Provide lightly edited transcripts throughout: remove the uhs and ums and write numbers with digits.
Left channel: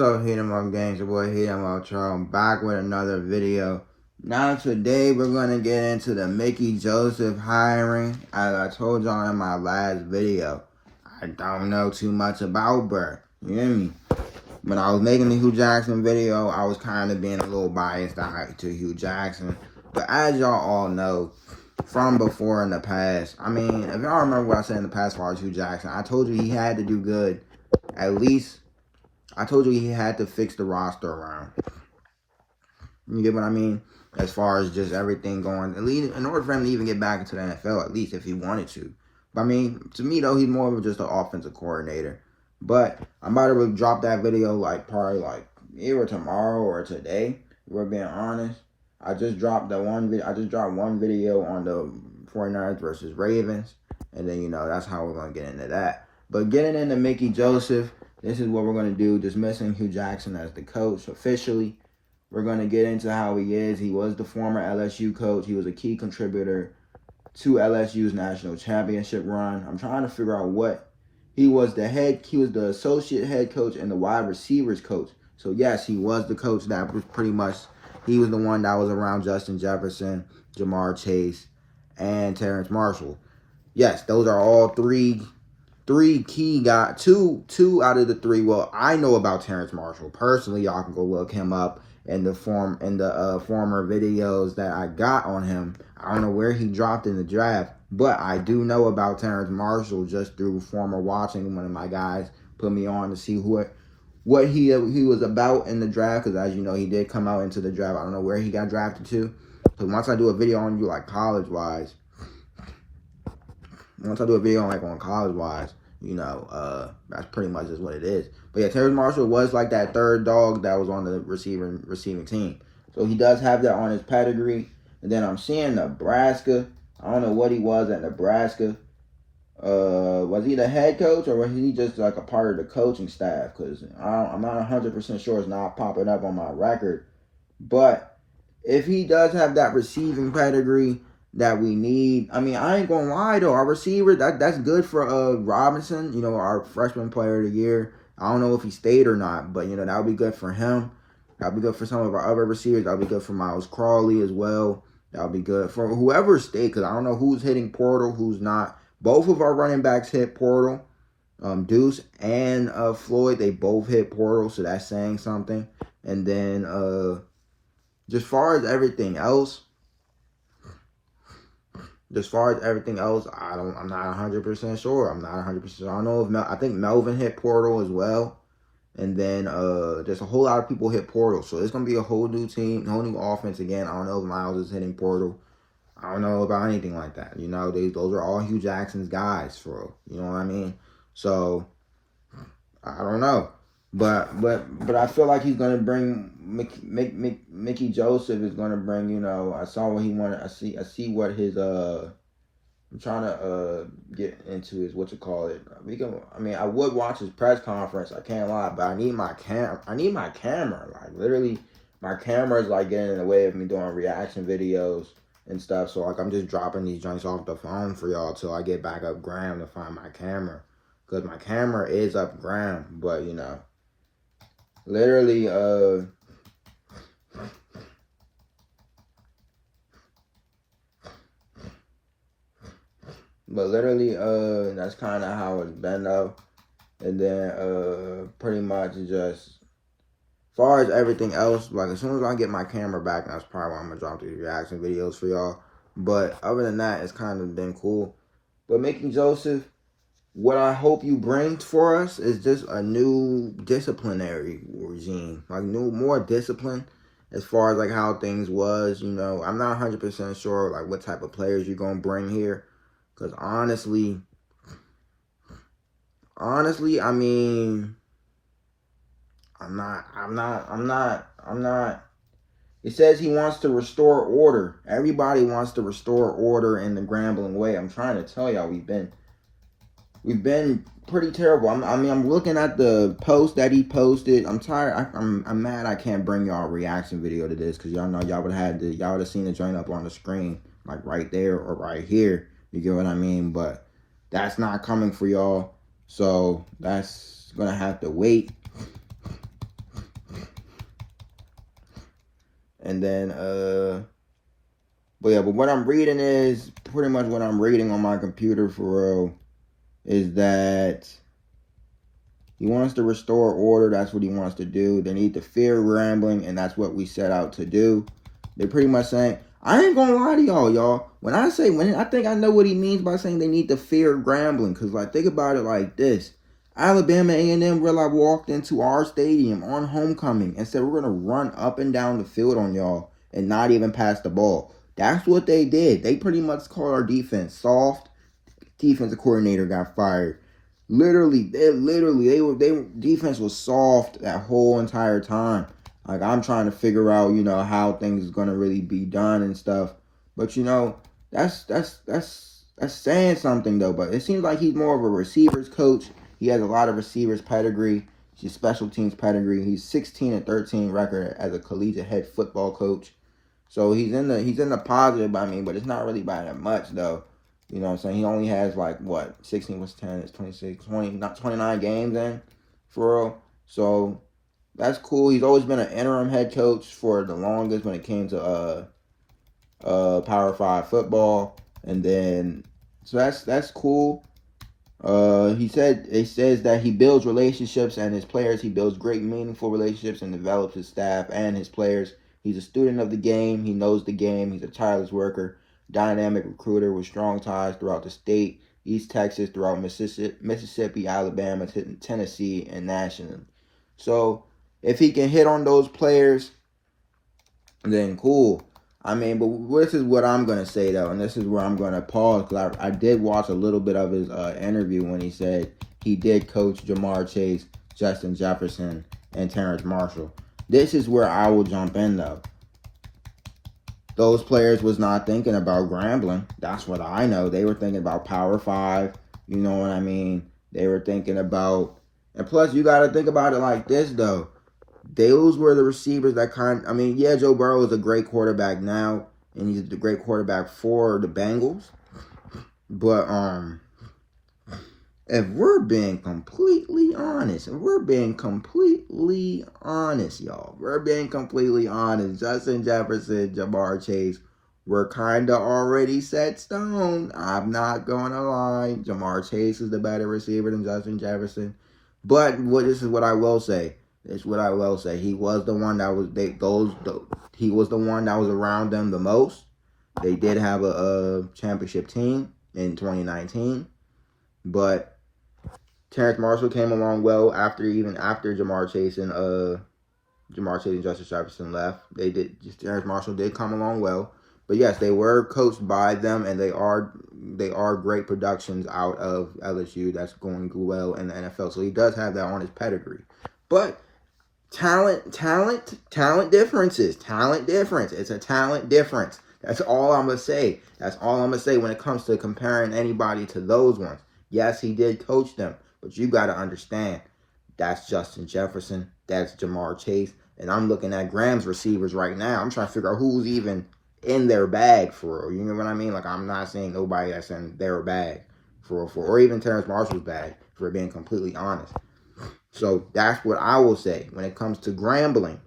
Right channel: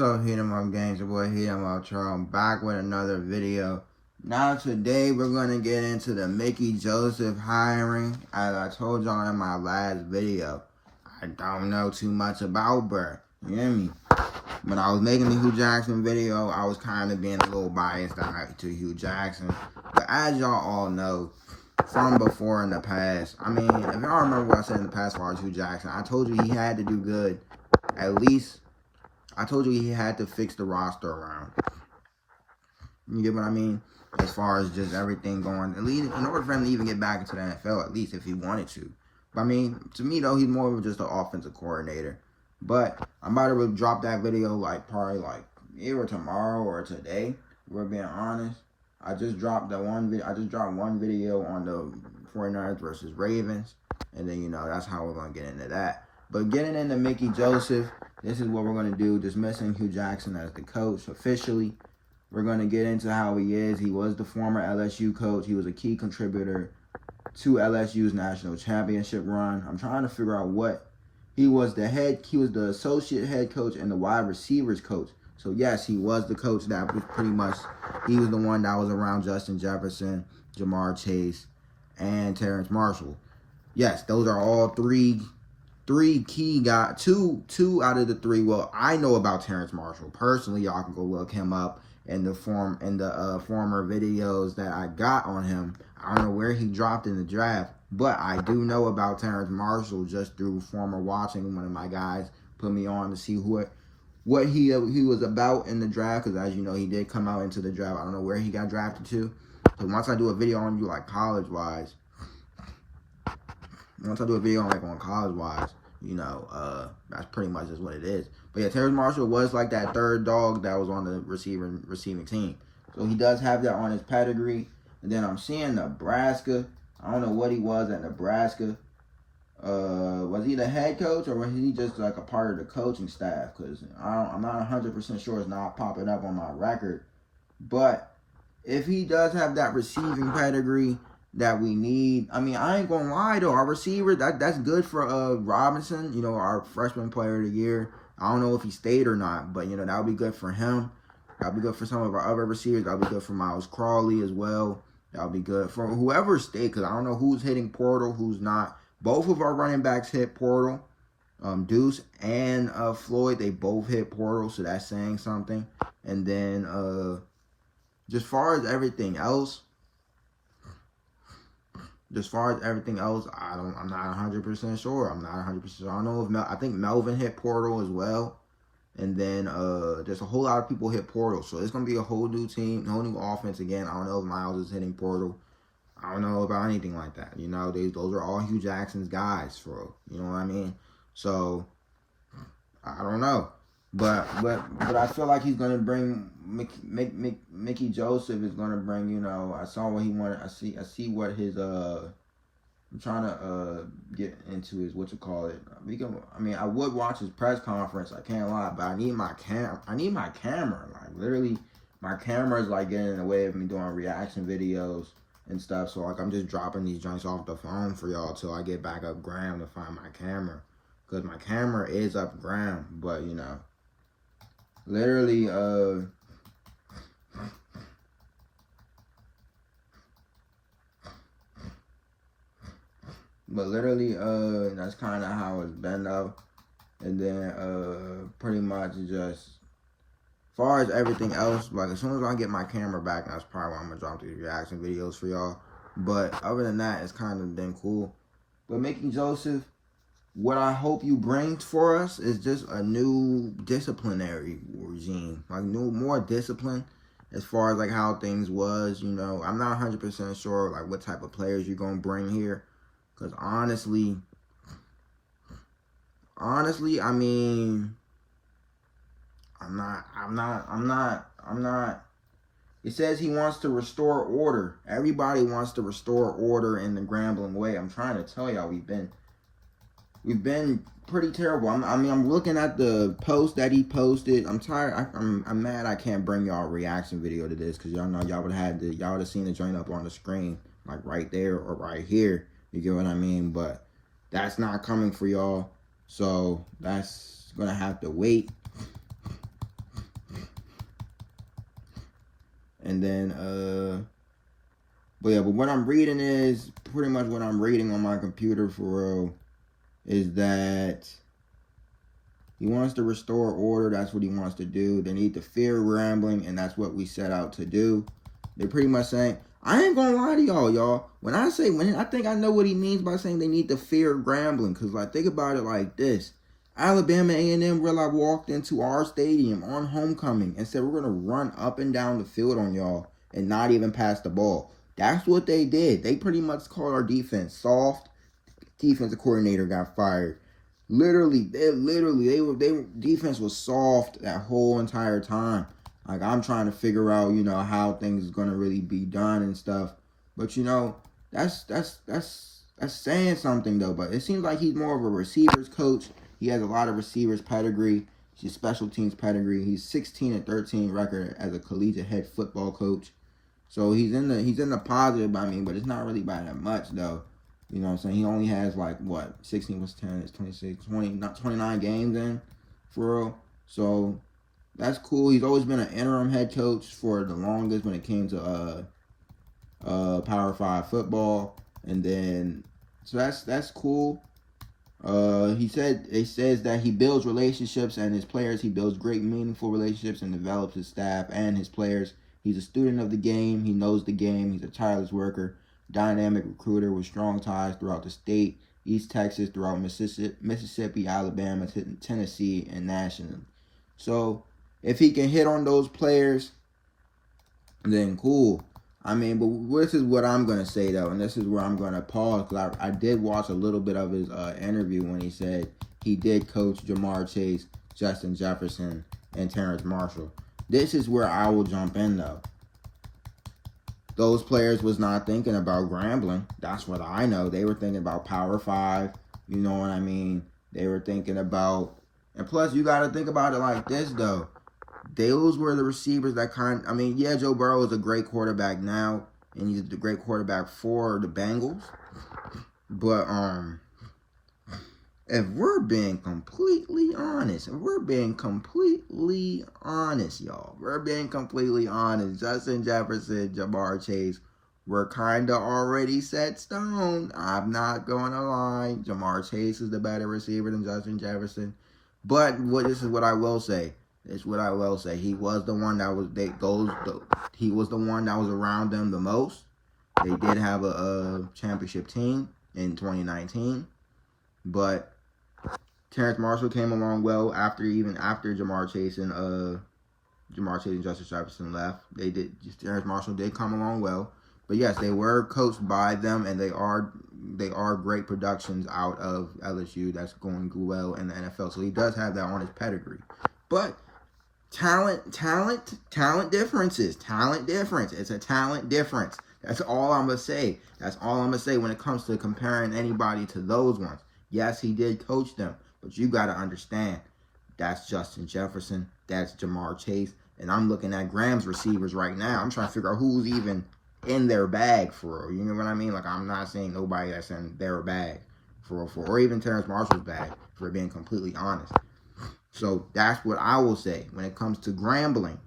What's up, HeatEmUp gang? It's your boy HeatEmUpTrell. I'm back with another video. Now today we're gonna get into the Mickey Joseph hiring. As I told y'all in my last video, I don't know too much about Bert. You hear me? When I was making the Hugh Jackson video, I was kind of being a little biased to Hugh Jackson. But as y'all all know, from before in the past, I mean, if y'all remember what I said in the past as far as Hugh Jackson, I told you he had to do good. At least, I told you he had to fix the roster around. You get what I mean? As far as just everything going, at least in order for him to even get back into the NFL, at least if he wanted to. But I mean, to me though, he's more of just an offensive coordinator. But I'm about to drop that video probably either tomorrow or today. If we're being honest. I just dropped one video on the 49ers versus Ravens. And then, that's how we're going to get into that. But getting into Mickey Joseph, this is what we're going to do. Dismissing Hugh Jackson as the coach officially. We're going to get into how he is. He was the former LSU coach. He was a key contributor to LSU's national championship run. I'm trying to figure out what. He was the associate head coach and the wide receivers coach. So, yes, he was the coach that was pretty much, he was the one that was around Justin Jefferson, Jamar Chase, and Terrence Marshall. Yes, those are all three key guys. Two out of the three. Well, I know about Terrence Marshall. Personally, y'all can go look him up in the former videos that I got on him. I don't know where he dropped in the draft, but I do know about Terrence Marshall just through former watching. One of my guys put me on to see what he was about in the draft, because as you know, he did come out into the draft. I don't know where he got drafted to. So once I do a video on you college-wise, on college-wise, that's pretty much just what it is. But yeah, Terrence Marshall was like that third dog that was on the receiving team. So he does have that on his pedigree. And then I'm seeing Nebraska. I don't know what he was at Nebraska. Was he the head coach or was he just like a part of the coaching staff? Because I'm not 100% sure. It's not popping up on my record. But if he does have that receiving pedigree that we need, I mean, I ain't gonna lie though, our receiver, that's good for Robinson, our freshman player of the year. I don't know if he stayed or not, but that would be good for him. That would be good for some of our other receivers. That would be good for Miles Crawley as well. That would be good for whoever stayed, because I don't know who's hitting portal, who's not. Both of our running backs hit portal. Deuce and Floyd, they both hit portal, so that's saying something. And then just far as everything else, I'm not 100% sure. I'm not 100% sure. I don't know if I think Melvin hit portal as well. And then just a whole lot of people hit portal. So it's going to be a whole new team, whole new offense again. I don't know if Miles is hitting portal. I don't know about anything like that. Those are all Hugh Jackson's guys, for real. You know what I mean? So I don't know. But I feel like he's going to bring Mickey Joseph is going to bring, I saw what he wanted. I see what his I'm trying to get into his I would watch his press conference, I can't lie, but I need my camera. Like literally my camera is getting in the way of me doing reaction videos and stuff. So I'm just dropping these joints off the phone for y'all till I get back up Gram to find my camera. Because my camera is up Gram, but literally that's kind of how it's been though. And then pretty much just as far as everything else, as soon as I get my camera back, that's probably when I'm gonna drop these reaction videos for y'all. But other than that, it's kind of been cool. But Mickey Joseph, what I hope you bring for us is just a new disciplinary regime, more discipline as far as how things was. I'm not 100% sure what type of players you're gonna bring here, because honestly, I mean, I'm not. It says he wants to restore order. Everybody wants to restore order in the Grambling way. I'm trying to tell y'all, we've been pretty terrible. I'm looking at the post that he posted. I'm tired. I'm mad I can't bring y'all a reaction video to this, because y'all know y'all would have seen the joint up on the screen, right there or right here. You get what I mean? But that's not coming for y'all. So that's gonna have to wait. And then, but yeah, but what I'm reading is pretty much what I'm reading on my computer for real is that he wants to restore order. That's what he wants to do. They need to fear gambling, and that's what we set out to do. They're pretty much saying, I ain't gonna lie to y'all. When I think I know what he means by saying they need to fear gambling, because like think about it like this: Alabama A&M really walked into our stadium on homecoming and said we're gonna run up and down the field on y'all and not even pass the ball. That's what they did. They pretty much called our defense soft. Defensive coordinator got fired. Literally, they defense was soft that whole entire time. Like I'm trying to figure out, how things is gonna really be done and stuff. But that's saying something though. But it seems like he's more of a receivers coach. He has a lot of receivers pedigree. He's special teams pedigree. He's 16-13 record as a collegiate head football coach. So he's in the positive by me, but it's not really by that much though. You know what I'm saying? He only has 16 plus 10 is 26, 20, not 29 games in for real. So that's cool. He's always been an interim head coach for the longest when it came to Power 5 football. And then so that's cool. It says that he builds relationships and his players. He builds great meaningful relationships and develops his staff and his players. He's a student of the game. He knows the game. He's a tireless worker, dynamic recruiter with strong ties throughout the state, East Texas, throughout Mississippi, Alabama, Tennessee, and nationally. So if he can hit on those players, then cool. I mean, but this is what I'm going to say, though, and this is where I'm going to pause, because I did watch a little bit of his interview when he said he did coach Jamar Chase, Justin Jefferson, and Terrence Marshall. This is where I will jump in, though. Those players was not thinking about gambling. That's what I know. They were thinking about Power 5. You know what I mean? They were thinking about... And plus, you got to think about it like this, though. Those were the receivers that Joe Burrow is a great quarterback now, and he's a great quarterback for the Bengals. But, if we're being completely honest, y'all, Justin Jefferson, Jamar Chase, we're kind of already set stone. I'm not going to lie. Jamar Chase is the better receiver than Justin Jefferson. But this is what I will say. He was the one that was around them the most. They did have a championship team in 2019, but Terrence Marshall came along well after Jamar Chase and Justin Jefferson left. Terrence Marshall did come along well. But yes, they were coached by them, and they are great productions out of LSU that's going well in the NFL. So he does have that on his pedigree. But talent differences. It's a talent difference. That's all I'm going to say. When it comes to comparing anybody to those ones. Yes, he did coach them, but you got to understand, that's Justin Jefferson, that's Jamar Chase, and I'm looking at Graham's receivers right now. I'm trying to figure out who's even in their bag for real. You know what I mean? Like, I'm not seeing nobody that's in their bag for or even Terrence Marshall's bag, for being completely honest. So that's what I will say. When it comes to gambling,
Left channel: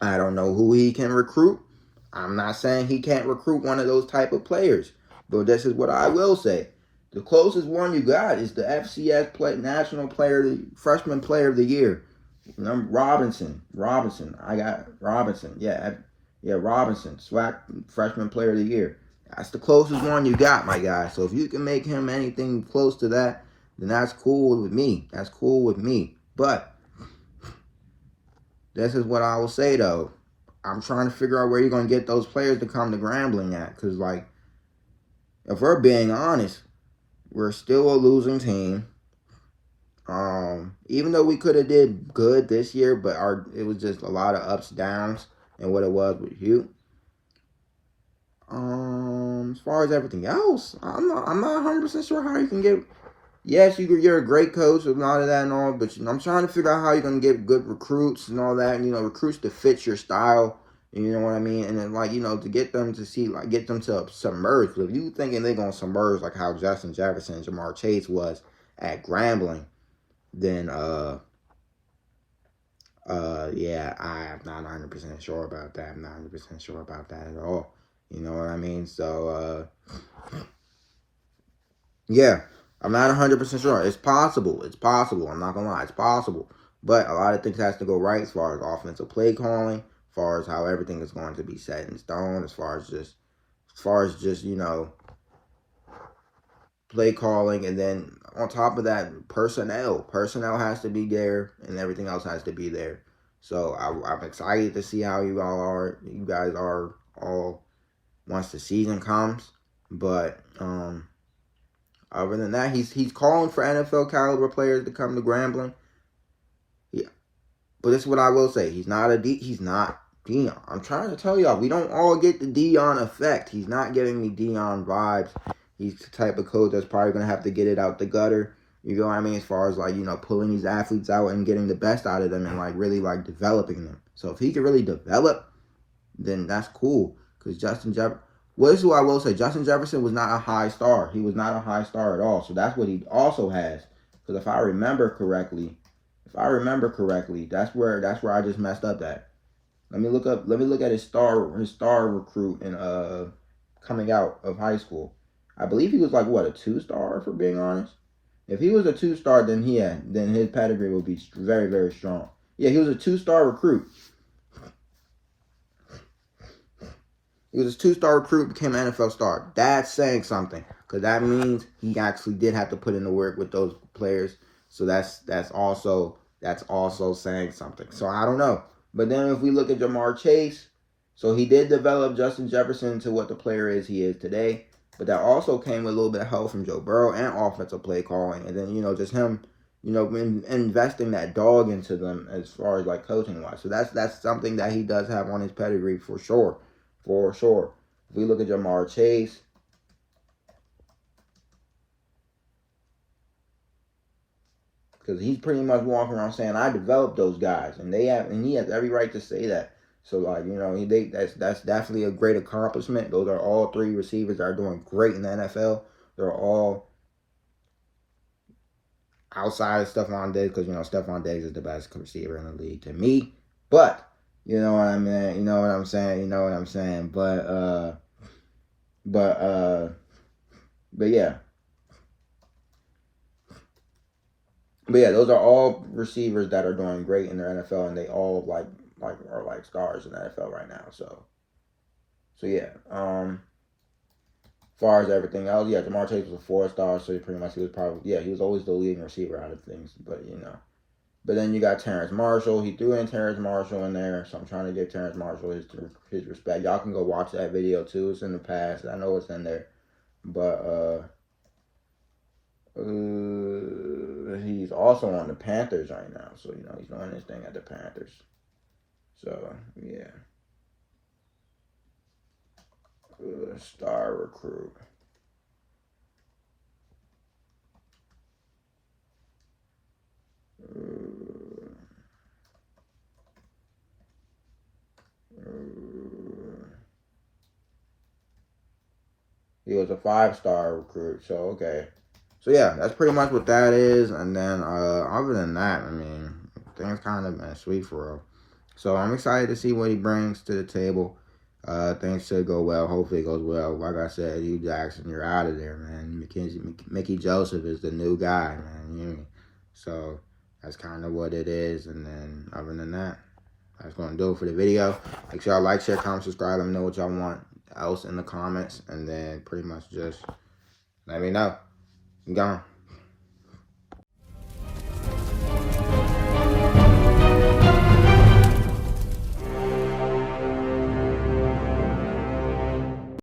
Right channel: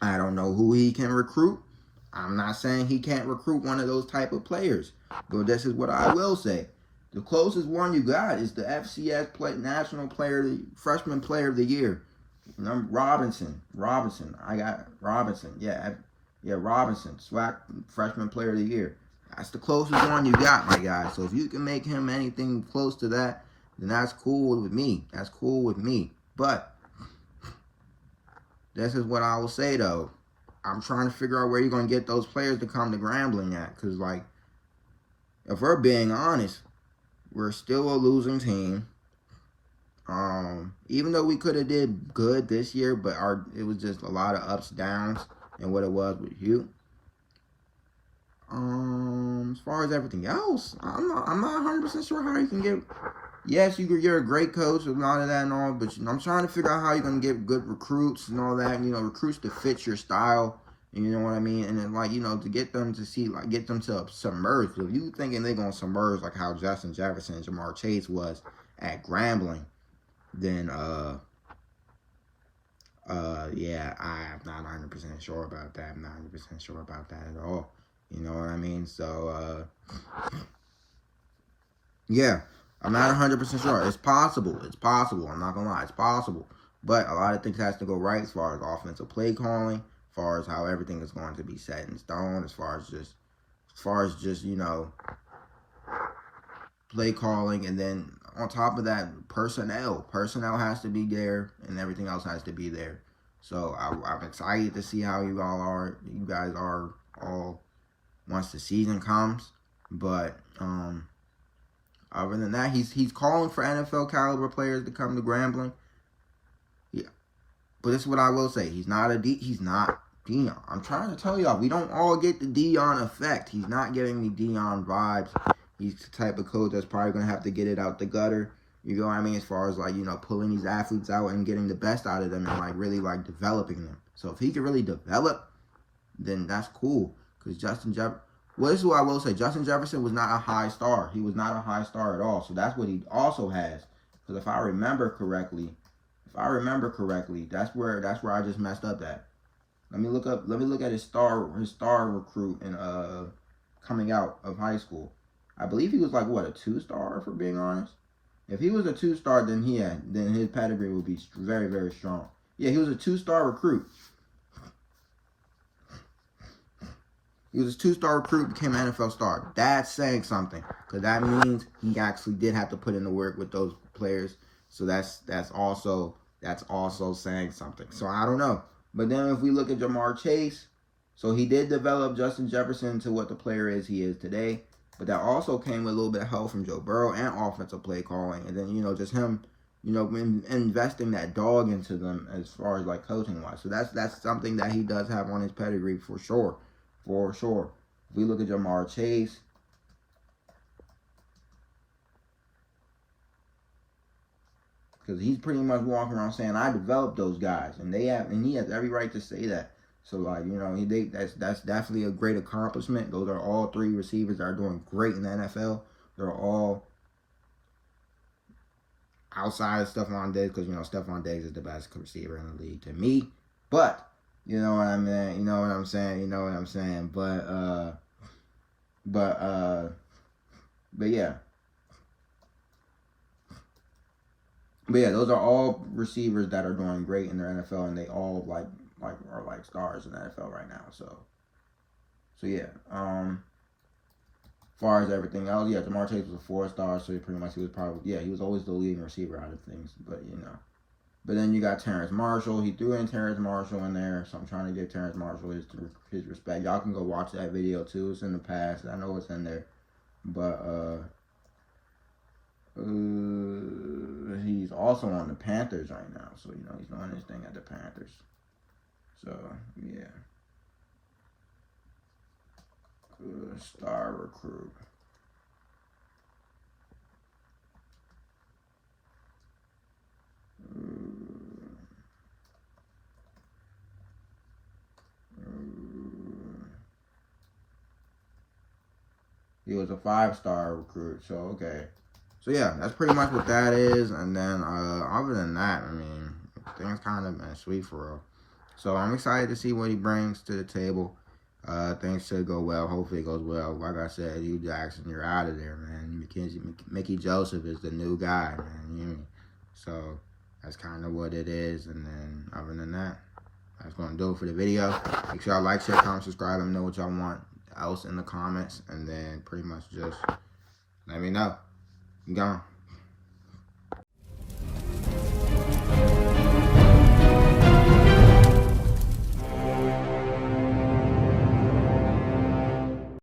I don't know who he can recruit. I'm not saying he can't recruit one of those type of players, but this is what I will say. The closest one you got is the FCS National Freshman Player of the Year. Robinson. I got Robinson. Yeah, Robinson. SWAC Freshman Player of the Year. That's the closest one you got, my guy. So if you can make him anything close to that, then that's cool with me. But this is what I will say, though. I'm trying to figure out where you're going to get those players to come to Grambling at. Because, if we're being honest, we're still a losing team. Even though we could have did good this year, but it was just a lot of ups, downs, and what it was with Hugh. As far as everything else, I'm not 100% sure how you can get. Yes, you're a great coach and all of that and all, but I'm trying to figure out how you're gonna get good recruits and all that. Recruits to fit your style. You know what I mean? And then to get them to get them to submerge. If you thinking they're gonna submerge like how Justin Jefferson and Jamar Chase was at Grambling, then Yeah, I'm not 100% sure about that. I'm not 100% sure about that at all. You know what I mean? So, yeah, I'm not 100% sure. It's possible. It's possible. I'm not gonna lie. It's possible. But a lot of things has to go right as far as offensive play calling, as far as how everything is going to be set in stone, as far as just play calling, and then on top of that, personnel has to be there, and everything else has to be there. So I'm excited to see how you guys are all once the season comes. But other than that, he's calling for NFL caliber players to come to Grambling. Yeah, but this is what I will say: he's not Dion. I'm trying to tell y'all, we don't all get the Dion effect. He's not giving me Dion vibes. He's the type of coach that's probably gonna have to get it out the gutter. You know what I mean? As far as like, pulling these athletes out and getting the best out of them and like really like developing them. So if he can really develop, then that's cool. Because well, this is what I will say. Justin Jefferson was not a high star. He was not a high star at all. So that's what he also has. Because if I remember correctly, that's where I just messed up at. Let me look at his star recruit in coming out of high school. I believe he was like what, a 2-star, for being honest. If he was a 2-star, then his pedigree would be very, very strong. Yeah, he was a 2-star recruit. He was a 2-star recruit, became an NFL star. That's saying something, because that means he actually did have to put in the work with those players. So that's also saying something. So I don't know. But then if we look at Jamar Chase, so he did develop Justin Jefferson to what the player he is today. But that also came with a little bit of help from Joe Burrow and offensive play calling. And then, just him, investing that dog into them as far as like coaching wise. So that's something that he does have on his pedigree for sure. For sure. If we look at Jamar Chase, because he's pretty much walking around saying, I developed those guys. And he has every right to say that. So, like, that's definitely a great accomplishment. Those are all 3 receivers that are doing great in the NFL. They're all outside of Stephon Diggs, because, Stephon Diggs is the best receiver in the league to me. But, you know what I mean? You know what I'm saying? But yeah. But yeah, those are all receivers that are doing great in the NFL, and they all are like stars in the NFL right now. So yeah. As far as everything else, yeah, Jamar Chase was a 4-star, so he was always the leading receiver out of things. But but then you got Terrence Marshall. He threw in Terrence Marshall in there, so I'm trying to give Terrence Marshall his respect. Y'all can go watch that video too. It's in the past. I know it's in there, but he's also on the Panthers right now, so he's doing his thing at the Panthers. So yeah, star recruit. He was a 5-star recruit, so okay. So yeah, that's pretty much what that is. And then other than that, I mean, things kind of been sweet for real. So I'm excited to see what he brings to the table. Things should go well. Hopefully it goes well. Like I said, Hugh Jackson, you're out of there, man. Mickey Joseph is the new guy, man. So that's kind of what it is. And then other than that, that's going to do it for the video. Make sure y'all like, share, comment, subscribe. Let me know what y'all want else in the comments. And then pretty much just let me know. I'm gone.